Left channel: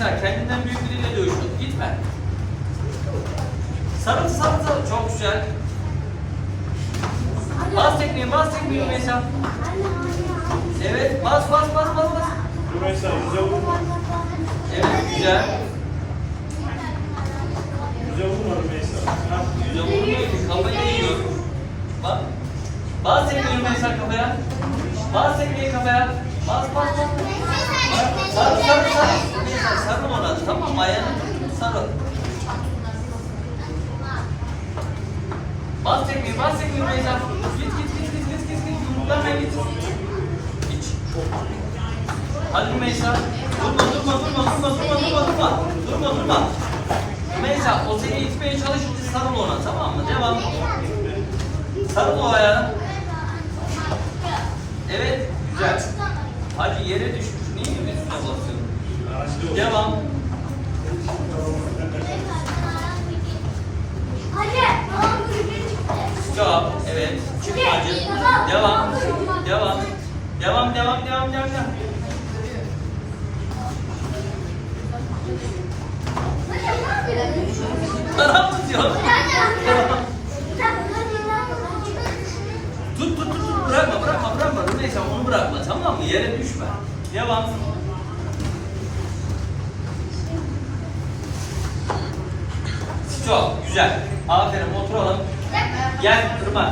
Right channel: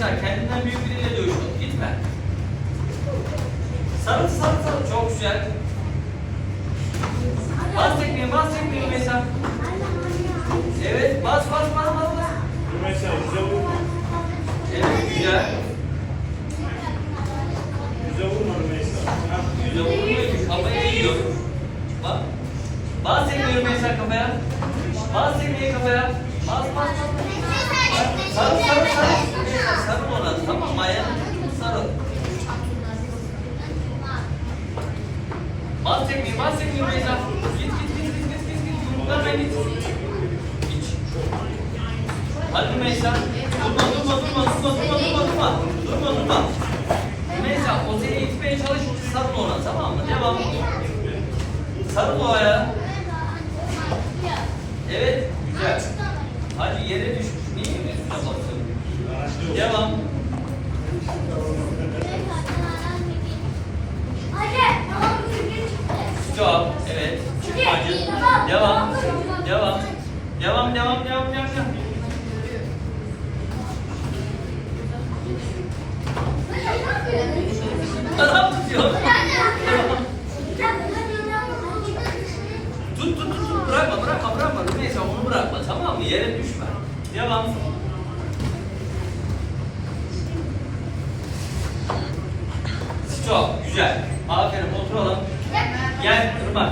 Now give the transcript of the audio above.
Esra kendinden büyük biriyle dövüşmek gitme. Sarıl sarıl sarıl çok güzel. Bas tekniği bas tekniği Mesa. Evet bas bas bas bas. bas. Mesa güzel. Evet güzel. Güzel vurma Mesa. Güzel vurma ki kafayı yiyor. Bak. Bas tekniği Mesa kafaya. Bas tekniği kafaya. Bas bas bas. Sarıl tut, sarıl. Bas Rümeysa. Git git git git git git git. Hadi Rümeysa. Durma durma durma durma durma durma durma. Durma durma. Rümeysa o seni itmeye çalış sarıl ona tamam mı? Devam. Sarıl o ayağa. Evet. Hadi yere düşmüş. Niye üstüne basıyorsun? Devam. Devam devam devam devam. devam. Taraf tutuyor. tut tut tut bırakma bırakma bırakma Rümeysa onu bırakma tamam mı yere düşme. Devam. Stop güzel. Aferin oturalım. Gel Irmak.